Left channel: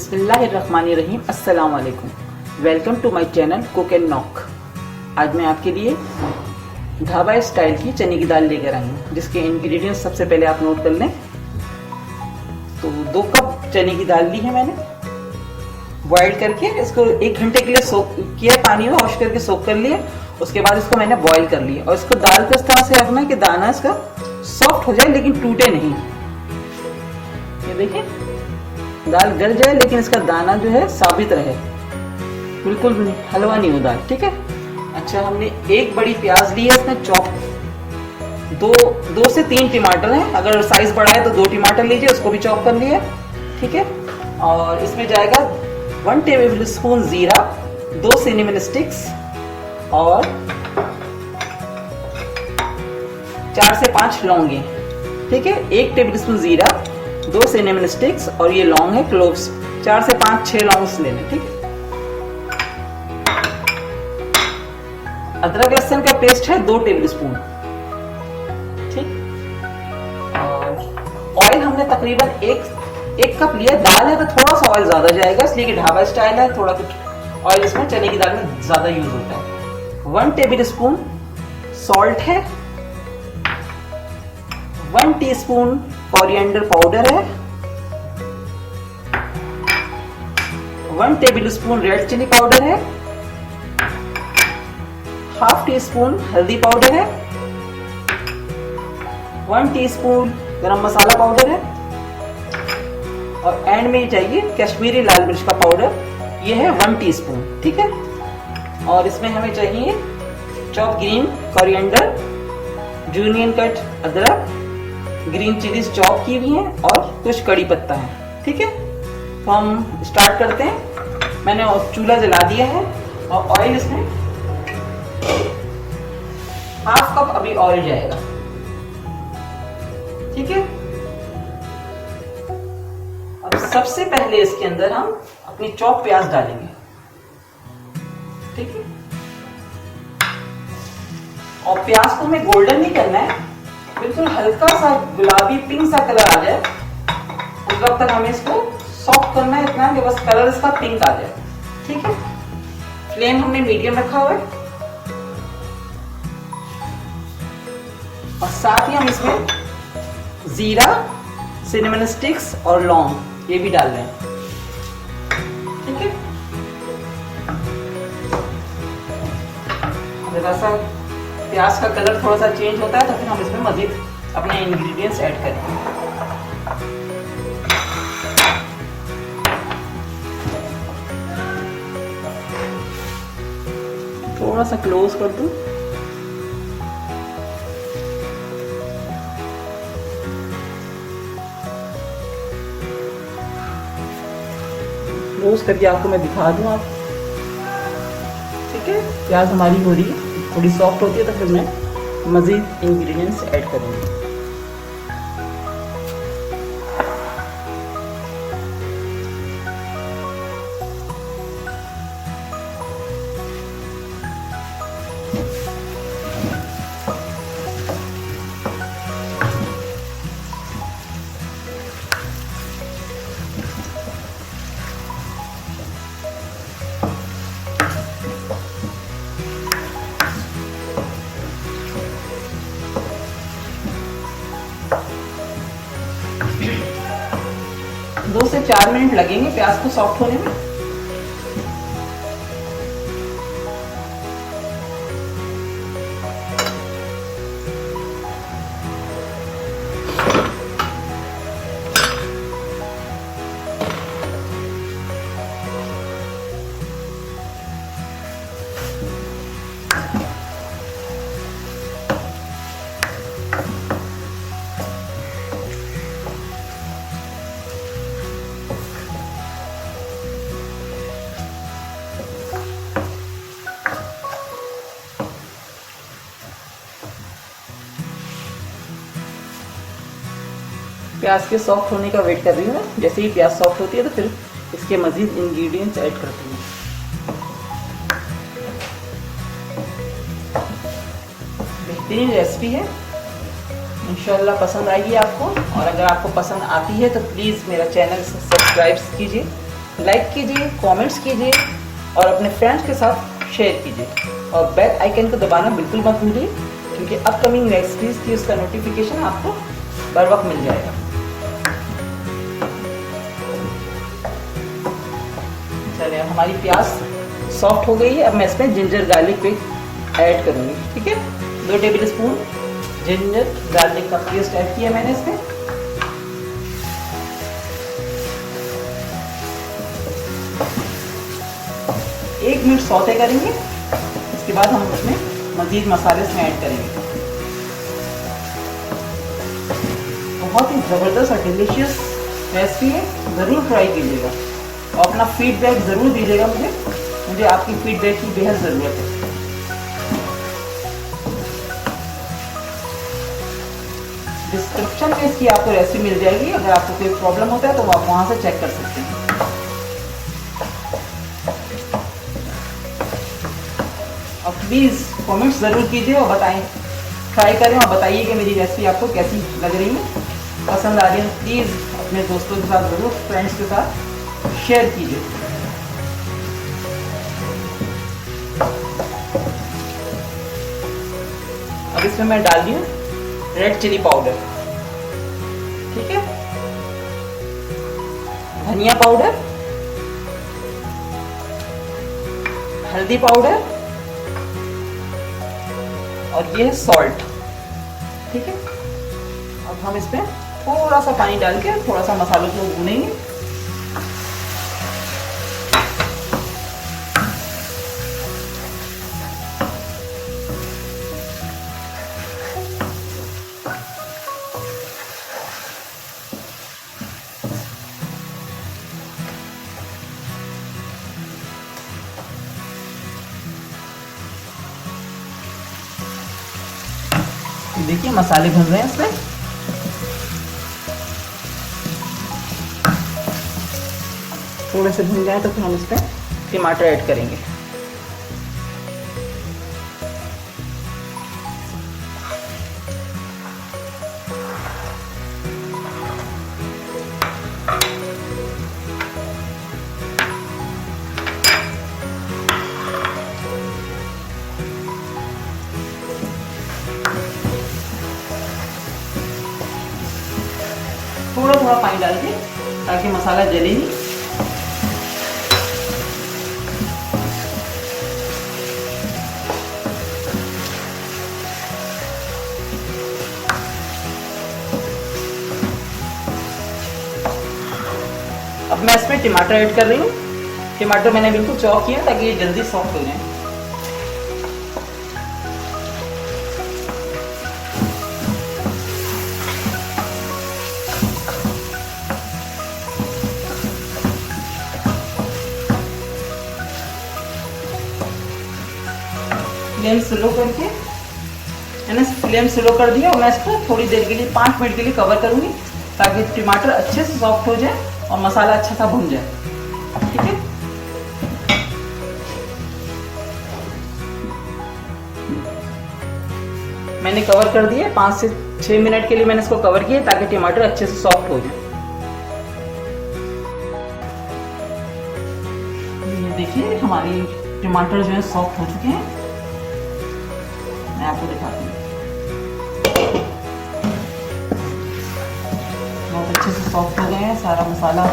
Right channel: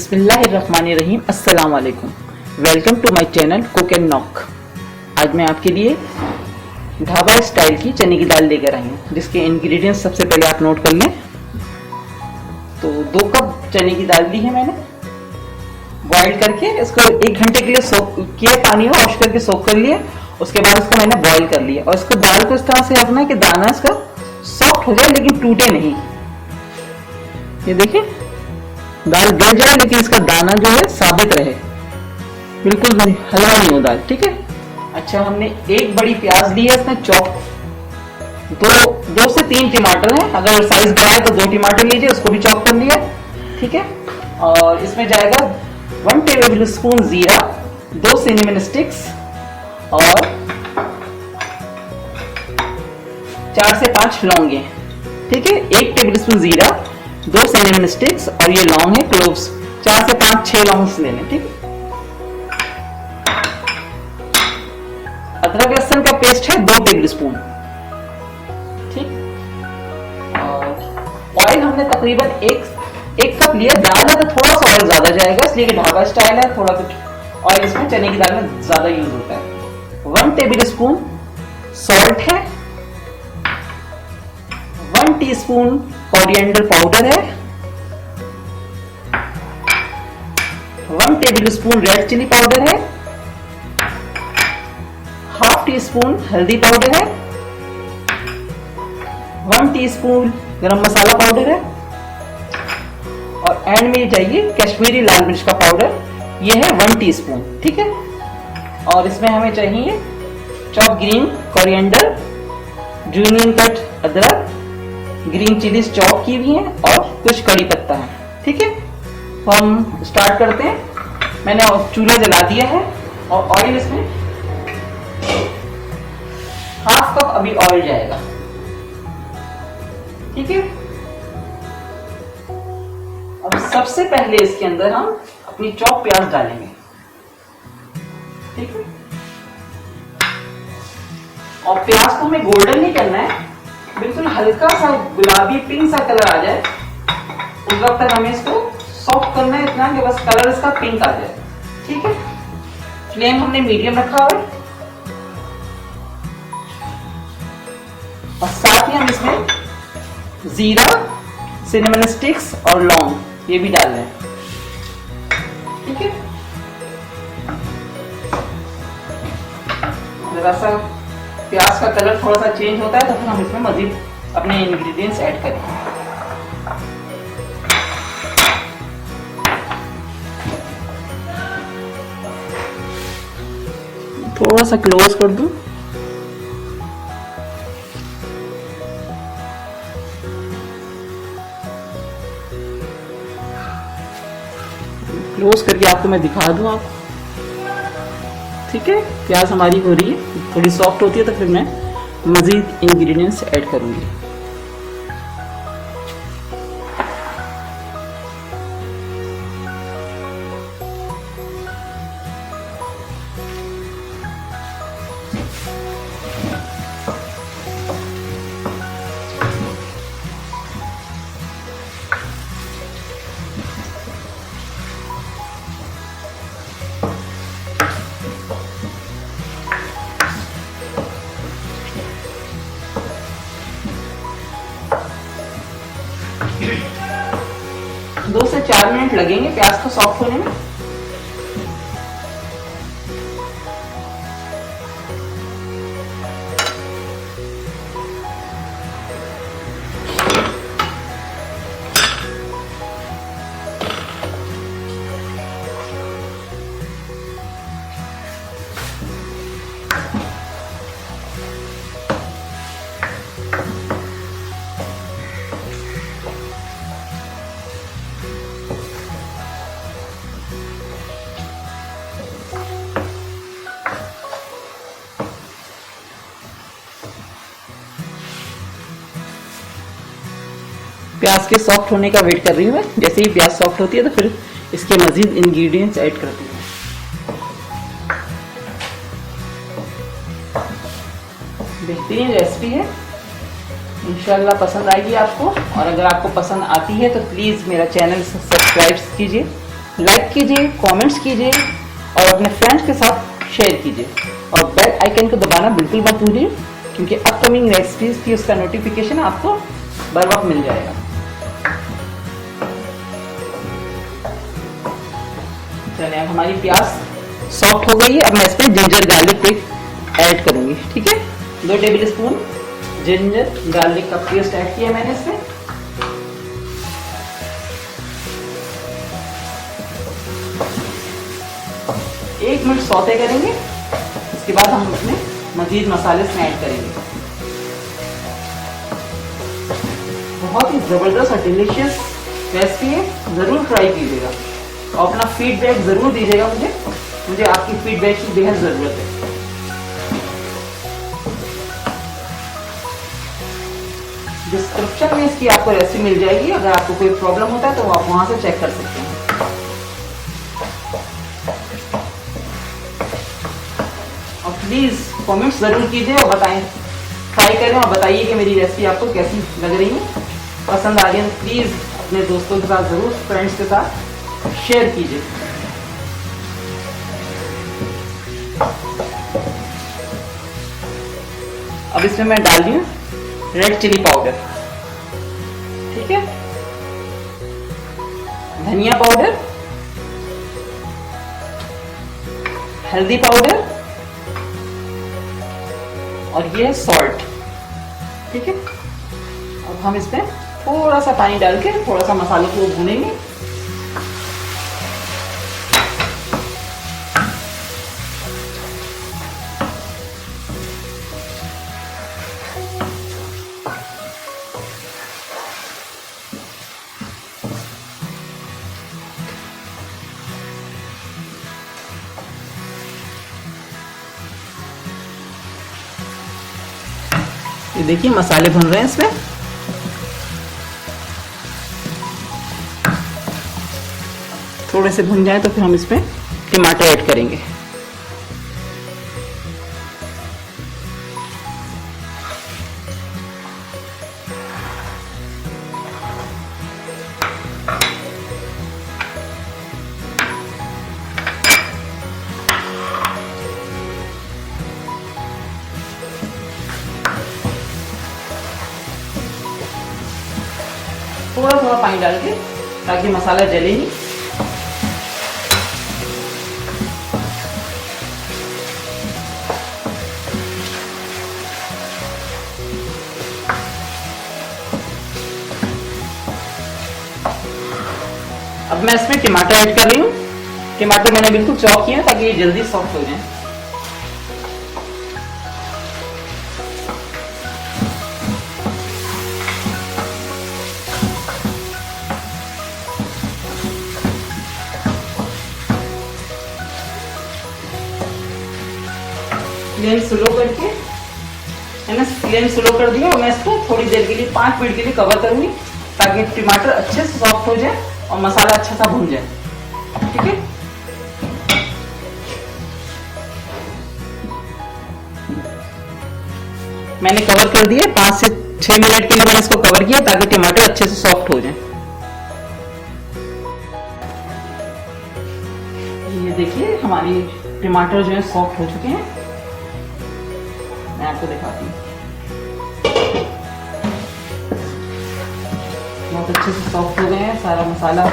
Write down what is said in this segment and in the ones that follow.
बिस्मिल्लाहिर्रहमानिर्रहीम। अस्सलाम वालेकुम। Welcome to my channel cook and knock. आज मैं आपके लिए ढाबा स्टाइल की चने की दाल लेकर आई हूँ, जिसके इंग्रेडिएंट्स सबसे पहले आप नोट कर लें। तो 2 कप चने की दाल ली है मैंने, बॉइल करके इसको 1 घंटे के लिए सोक किया, पानी में वॉश करके सोक कर लिया। उसके बाद इसको मैंने बॉइल कर लिया और इसको दाल को इस तरह से रखना है कि दाना इसका सॉफ्ट हो जाए लेकिन टूटे नहीं। ये देखिए, दाल गल जाए लेकिन इसका दाना जो है साबित रहे, बिल्कुल भी हलवा नहीं हो दाल। ठीक है। अच्छा, हमने 1 बड़ी प्याज ली है, इसमें चॉप 2 से 3 टमाटर है। अगर साइज बड़ा है तो 2 टमाटर लीजिए, उसको भी चॉप कर लिया। ठीक है। और इसमें जाएगा 1 टेबल स्पून जीरा, 2 सिनेमन स्टिक्स और 4 से 5 लौंगे। ठीक है। 1 टेबल स्पून जीरा, 2 सिनेमन स्टिक्स और ये लौंग है, क्लोव्स 4 से 5-6 लौंग लेने। ठीक है। अदरक लहसुन का पेस्ट है 2 टेबल स्पून। ठीक। और ऑयल हमने तकरीबन एक कप लिया। दाल है तो थोड़ा सा ऑयल ज्यादा जाएगा, इसलिए कि ढाबा स्टाइल है, थोड़ा कुछ ऑयल इसमें चने की दाल में ज्यादा यूज होता है। 1 टेबल स्पून सॉल्ट है, 1 टीस्पून कोरिएंडर पाउडर है, 1 tablespoon red chilli powder है, ½ टीस्पून हल्दी पाउडर है, 1 टीस्पून गरम मसाला पाउडर है और एंड में चाहिए कश्मीरी लाल मिर्च का पाउडर, ये है 1 टीस्पून। ठीक है। और इसमें हमें चाहिए chop green coriander, julienne cut अदरक, ग्रीन चिलीज चॉप की हुई है और कुछ कड़ी पत्ता है। ठीक है। तो हम स्टार्ट करते हैं। मैंने चूल्हा जला दिया है और ऑयल इसमें ½ कप अभी ऑयल जाएगा। ठीक है। अब सबसे पहले इसके अंदर हम अपनी चॉप प्याज डालेंगे। ठीक है। और प्याज को हमें गोल्डन नहीं करना है, बिल्कुल हल्का सा गुलाबी पिंक सा कलर आ जाए उस वक्त तक हमें इसको सॉफ्ट करना है, इतना कि बस कलर इसका पिंक आ जाए। ठीक है। फ्लेम हमने मीडियम रखा हुआ है और साथ ही हम इसमें जीरा, सिनेमन स्टिक्स और लौंग ये भी डाल रहे हैं। ठीक है। जरा सा प्याज का कलर थोड़ा सा चेंज होता है तो फिर हम इसमें मजीद अपने इंग्रेडिएंट्स ऐड करेंगे। थोड़ा सा क्लोज कर दूं। क्लोज करके आपको मैं दिखा दूं आप। ठीक है। प्याज हमारी हो रही है, थोड़ी सॉफ्ट होती है तो फिर मैं मजीद इंग्रेडिएंट्स ऐड करूंगी। दो से 4 मिनट लगेंगे प्याज को सॉफ्ट होने में। प्याज के सॉफ्ट होने का वेट कर रही हूँ मैं। जैसे ही प्याज सॉफ्ट होती है तो फिर इसके मजीद इंग्रेडिएंट्स ऐड करती हूँ। बेहतरीन रेसिपी है, इंशाल्लाह पसंद आएगी आपको। और अगर आपको पसंद आती है तो प्लीज़ मेरा चैनल सब्सक्राइब कीजिए लाइक कीजिए, कमेंट्स कीजिए और अपने फ्रेंड्स के साथ शेयर कीजिए और बेल आइकन को दबाना बिल्कुल मत भूलिए, क्योंकि अपकमिंग रेसिपीज की उसका नोटिफिकेशन आपको बर वक्त मिल जाएगा। चलिए, अब हमारी प्याज सॉफ्ट हो गई है। अब मैं इसमें जिंजर गार्लिक को ऐड करूंगी। ठीक है, 2 टेबल स्पून जिंजर गार्लिक का पेस्ट ऐड किया मैंने इसमें। एक मिनट सौते करेंगे, इसके बाद हम इसमें मजीद मसाले इसमें ऐड करेंगे। बहुत ही ज़बरदस्त और डिलीशियस रेसिपी है, ज़रूर ट्राई कीजिएगा और अपना फीडबैक ज़रूर दीजिएगा मुझे आपकी फीडबैक की बेहद ज़रूरत है। डिस्क्रिप्शन में इसकी आपको रेसिपी मिल जाएगी, अगर आपको कोई प्रॉब्लम होता है तो आप वहाँ से चेक कर सकते हैं। और प्लीज़ कमेंट्स ज़रूर कीजिए और बताएं, ट्राई करें और बताइए कि मेरी रेसिपी आपको कैसी लग रही है, पसंद आ रही है तो प्लीज़ अपने दोस्तों के साथ ज़रूर, फ्रेंड्स के साथ शेयर कीजिए। अब इसमें मैं डाल रही हूँ रेड चिली पाउडर। ठीक है, धनिया पाउडर, हल्दी पाउडर और ये है सॉल्ट। ठीक है, अब हम इसमें थोड़ा सा पानी डाल के थोड़ा सा मसालों को भूनेंगे। ये देखिए मसाले भुन रहे हैं इसमें। थोड़े से भुन जाए तो फिर हम इसमें टमाटर ऐड करेंगे। थोड़ा थोड़ा पानी डाल के ताकि मसाला जले नहीं। अब मैं इसमें टमाटर ऐड कर रही हूँ। टमाटर मैंने बिल्कुल चॉप किए ताकि ये जल्दी सॉफ्ट हो जाए। फ्लेम स्लो करके मैंने फ्लेम स्लो कर दिया और मैं इसको थोड़ी देर के लिए 5 मिनट के लिए कवर करूंगी ताकि टमाटर अच्छे से सॉफ्ट हो जाए और मसाला अच्छा सा भून जाए। ठीक है, मैंने कवर कर दिया। 5 से 6 मिनट के लिए मैंने इसको कवर किया ताकि टमाटर अच्छे से सॉफ्ट हो जाए। ये देखिए हमारी टमाटर जो है सॉफ्ट हो चुके हैं। मैं आपको दिखाती हूँ, बहुत अच्छे से सॉफ्ट हो गए हैं, सारा मसाला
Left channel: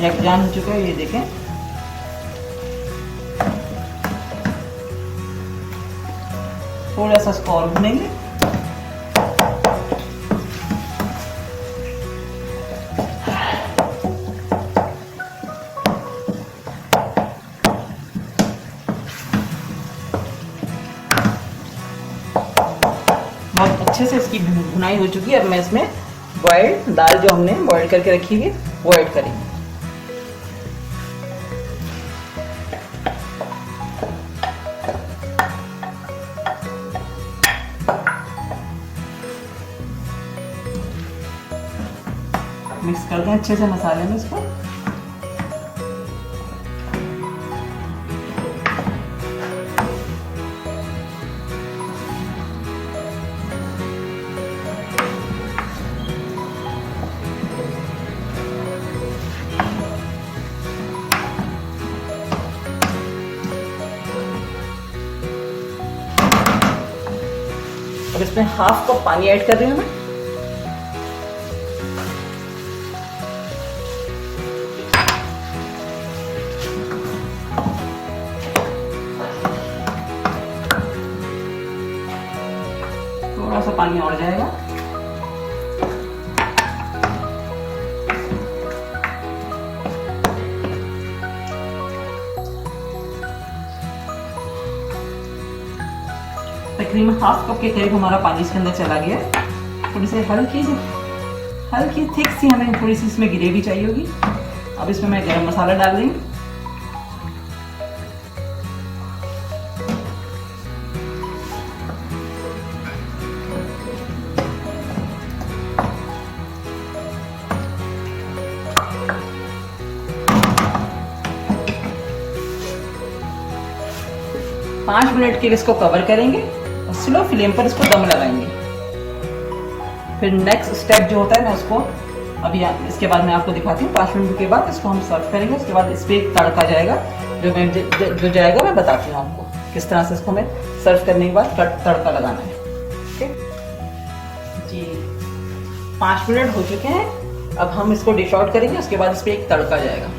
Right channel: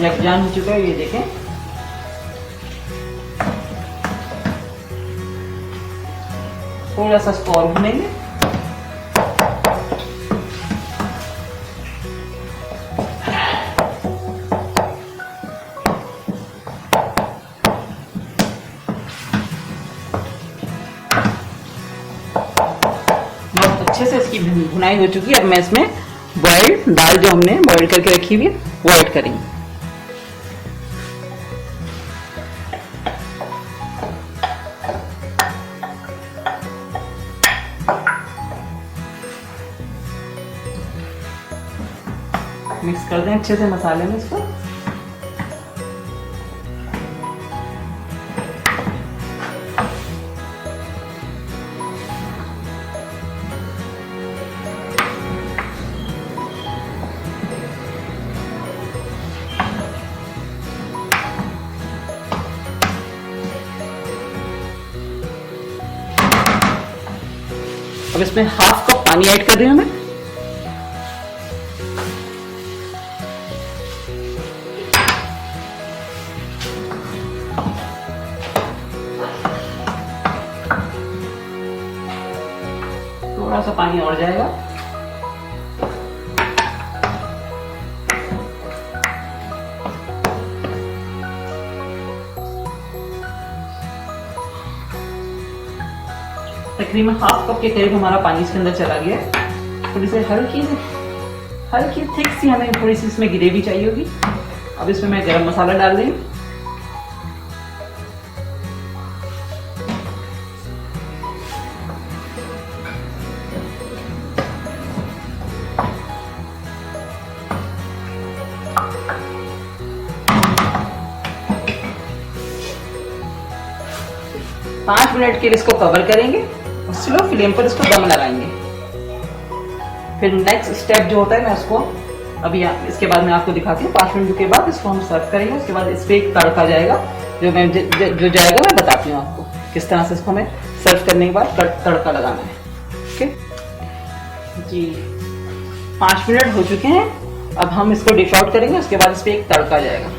यकजान हो चुका है। ये देखें, थोड़ा सा इसको और भूनेंगे। अच्छे से इसकी भुनाई हो चुकी है। अब मैं इसमें बॉइल्ड दाल जो हमने बॉइल करके रखी हुई है वो ऐड करेंगे। मिक्स कर दें अच्छे से मसाले में इसको। अब इसमें हाफ कप पानी ऐड कर रही हूँ मैं। थोड़ा सा पानी और जाएगा। तकरीबन हाफ कप के करीब हमारा पानी इसके अंदर चला गया है। थोड़ी सी हल्की थिक सी हमें थोड़ी सी इसमें ग्रेवी चाहिए होगी। अब इसमें मैं गरम मसाला डाल रही हूँ। पाँच मिनट के लिए इसको कवर करेंगे और स्लो फ्लेम पर इसको दम लगाएंगे। फिर नेक्स्ट स्टेप जो होता है, मैं उसको अभी इसके बाद मैं आपको दिखाती हूँ। 5 मिनट के बाद इसको हम सर्व करेंगे। उसके बाद इस पर एक तड़का जाएगा, जो जाएगा मैं बताती हूँ आपको किस तरह से इसको हमें सर्व करने के बाद तड़का लगाना है। ओके जी, 5 मिनट हो चुके हैं। अब हम इसको डिश आउट करेंगे। उसके बाद इस पर एक तड़का जाएगा।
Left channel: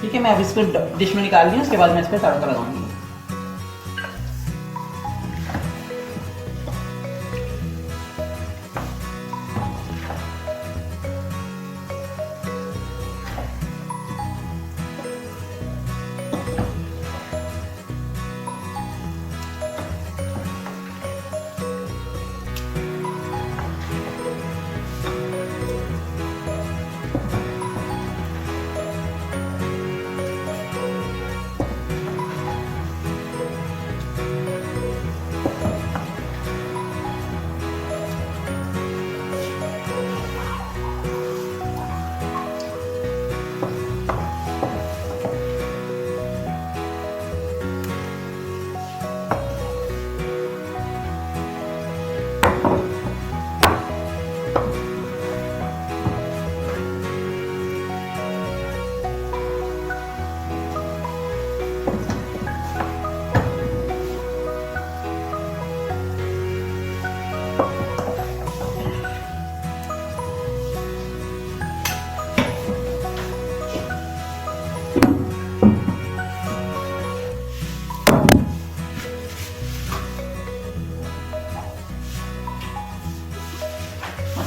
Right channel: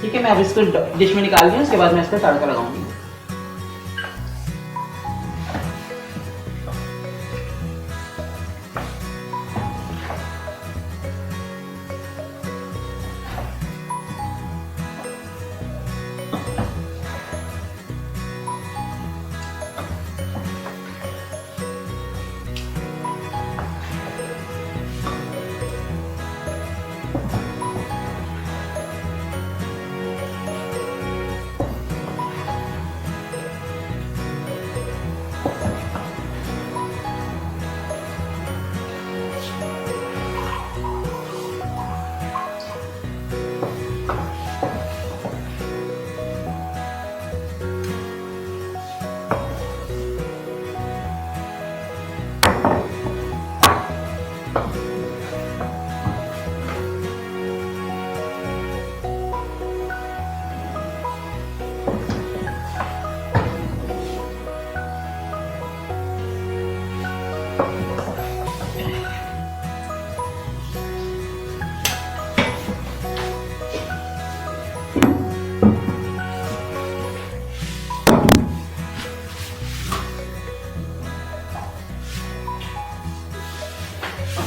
ठीक है, मैं अब इसको डिश में निकाल रही हूँ। उसके बाद मैं इस पर तड़का लगाऊंगी।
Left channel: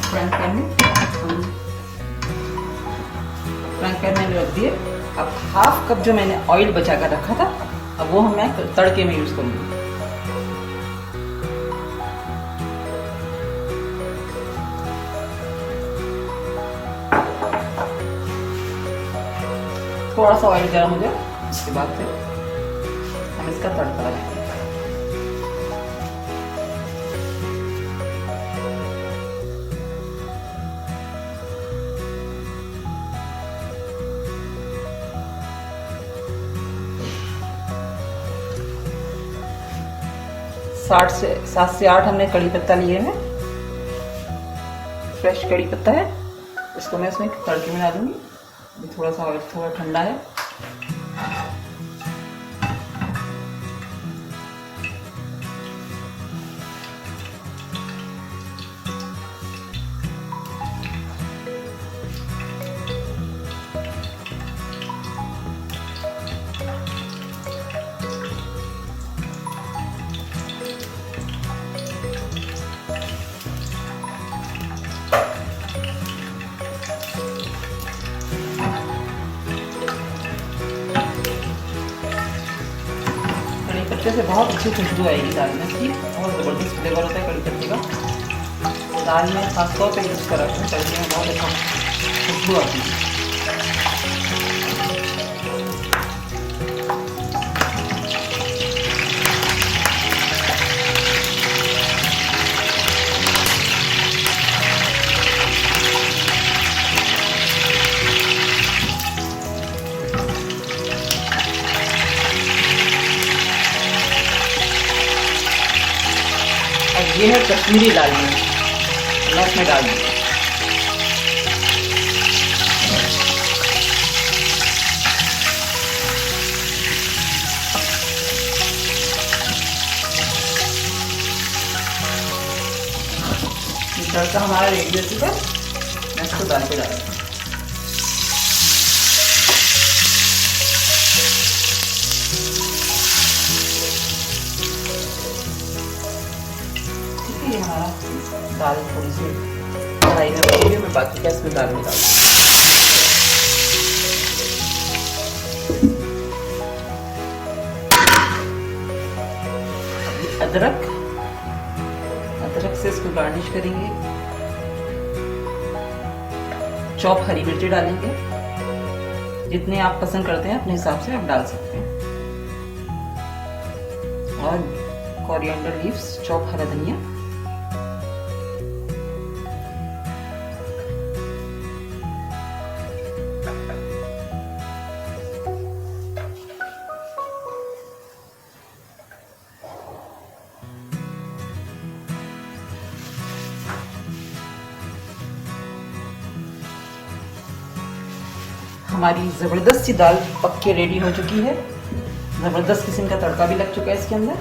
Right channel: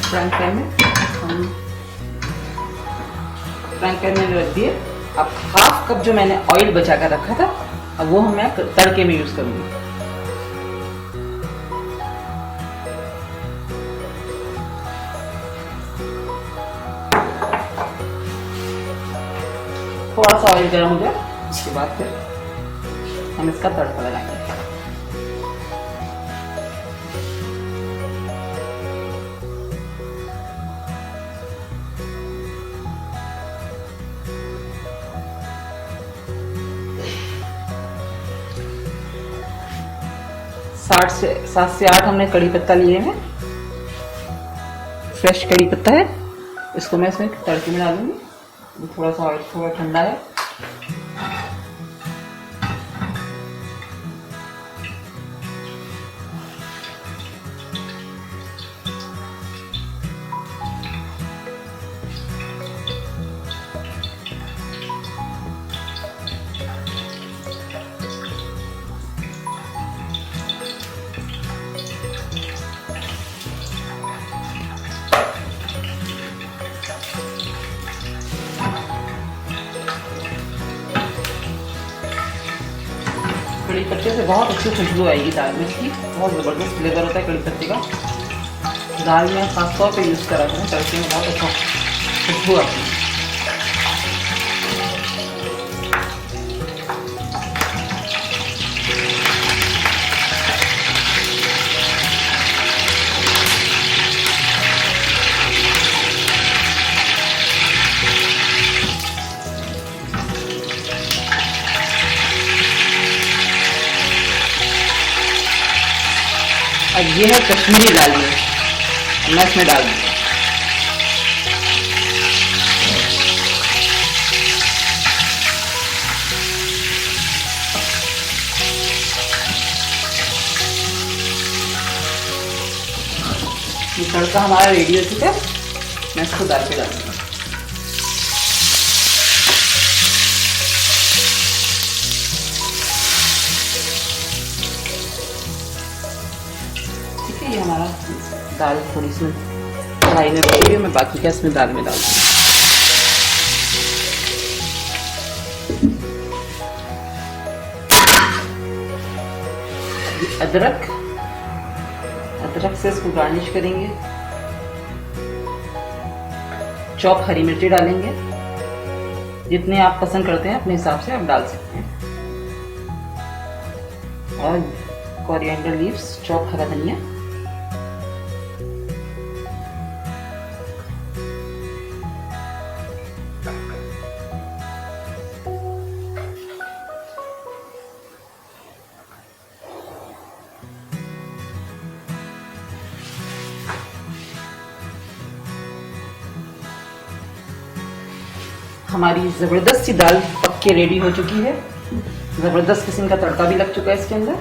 फ्राइंग पैन में रख दिए। अब हाफ कप जो मैंने ऑयल बचा कर रखा था, अब वो मैं तड़के में यूज करूंगी। थोड़ा सा ऑयल गर्म हो जाए, उसके बाद फिर हम इसका तड़का लगाएंगे। सात से आठ हमने कड़ी पत्ता लिए हैं। फ्रेश कड़ी पत्ता है, इसको मैं इसमें तड़के में डालूंगी। थोड़ा सा ऑयल थोड़ा ठंडा है। कड़ी पत्ते से बहुत अच्छी खुशबू आएगी दाल में। इसकी बहुत ज़बरदस्त फ्लेवर होता है कड़ी पत्ते का। दाल में खास तौर पे यूज़ कर रखा हूँ, तड़के में बहुत अच्छा खुशबू आती है। अब ये है कश्मीरी लाल मिर्च। मैं इसमें डाल दूँगा। ये तड़का हमारा रेडी हो चुका है, मैं इसको दाल पे डालूंगा। ठीक है, ये हमारा दाल थोड़ी सी कढ़ाई में रखी हुई, मैं बाकी का इसमें दाल में डाल दूँगी। अदरक से इसको गार्निश करेंगे। चॉप हरी मिर्ची डालेंगे, जितने आप पसंद करते हैं अपने हिसाब से आप डाल सकते हैं। और कोरिएंडर लीव्स, चॉप हरा धनिया, हमारी ज़बरदस्त सी दाल पक के रेडी हो चुकी है। ज़बरदस्त किस्म का तड़का भी लग चुका है इसके अंदर।